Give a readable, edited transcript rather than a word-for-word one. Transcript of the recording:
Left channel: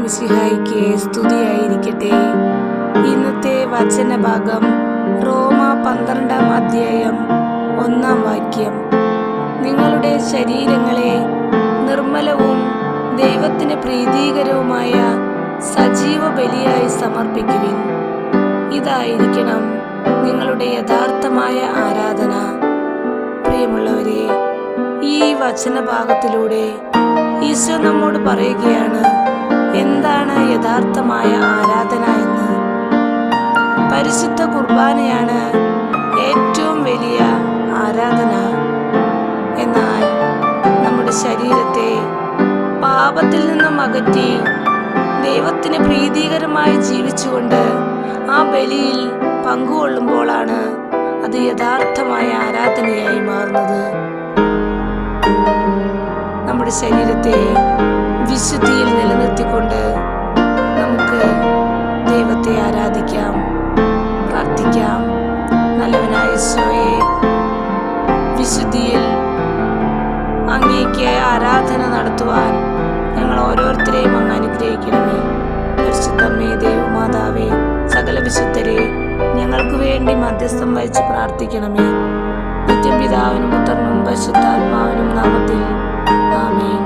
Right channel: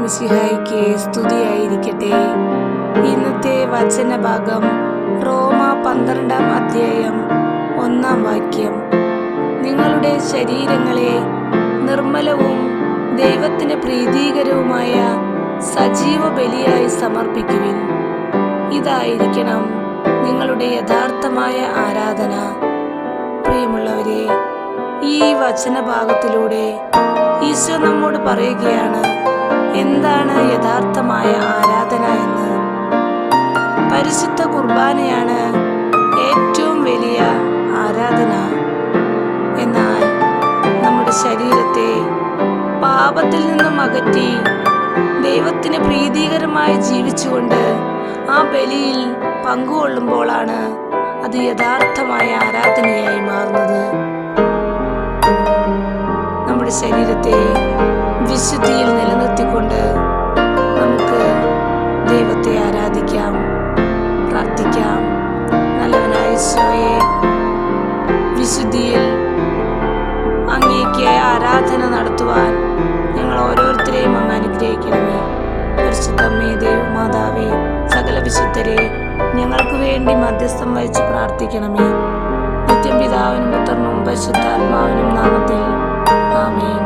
മിശിഹായിക്ക് സ്തുതിയായിരിക്കട്ടെ. ഇന്നത്തെ വചനഭാഗം റോമ 12-ാം അധ്യായം 1-ാം വാക്യം. നിങ്ങളുടെ ശരീരങ്ങളെ നിർമ്മലവും ദൈവത്തിന് പ്രീതികരവുമായ സജീവ ബലിയായി സമർപ്പിക്കുവിൻ. ഇതായിരിക്കണം നിങ്ങളുടെ യഥാർത്ഥമായ ആരാധന. പ്രിയമുള്ളവരെ, ഈ വചനഭാഗത്തിലൂടെ ഈശോ നമ്മോട് പറയുകയാണ് എന്താണ് യഥാർത്ഥമായ ആരാധന എന്ന്. പരിശുദ്ധ കുർബാനയാണ് ഏറ്റവും വലിയ ആരാധന. എന്നാൽ നമ്മുടെ ശരീരത്തെ പാപത്തിൽ നിന്നും അകറ്റി ദൈവത്തിന് പ്രീതികരമായി ജീവിച്ചുകൊണ്ട് ആ ബലിയിൽ പങ്കുകൊള്ളുമ്പോഴാണ് അത് യഥാർത്ഥമായ ആരാധനയായി മാറുന്നത്. നമ്മുടെ ശരീരത്തെ വിശുദ്ധിയിൽ നിലനിർത്തിക്കൊണ്ട് നമുക്ക് ദൈവത്തെ ആരാധിക്കാം, പ്രാർത്ഥിക്കാം. നല്ലവനായ ഈശോയെ, വിശുദ്ധിയിൽ അങ്ങേക്ക് ആരാധന നടത്തുവാൻ ഞങ്ങൾ ഓരോരുത്തരെയും അങ്ങ് അനുഗ്രഹിക്കണമേ. പരിശുദ്ധമ്മേ, ദൈവമാതാവേ, സകല വിശുദ്ധരെ ഞങ്ങൾക്ക് വേണ്ടി മധ്യസ്ഥം വഹിച്ച് പ്രാർത്ഥിക്കണമേ. നിത്യം പിതാവിനും പുത്രനും പരിശുദ്ധാത്മാവിനും നാമത്തിൽ ആമേൻ.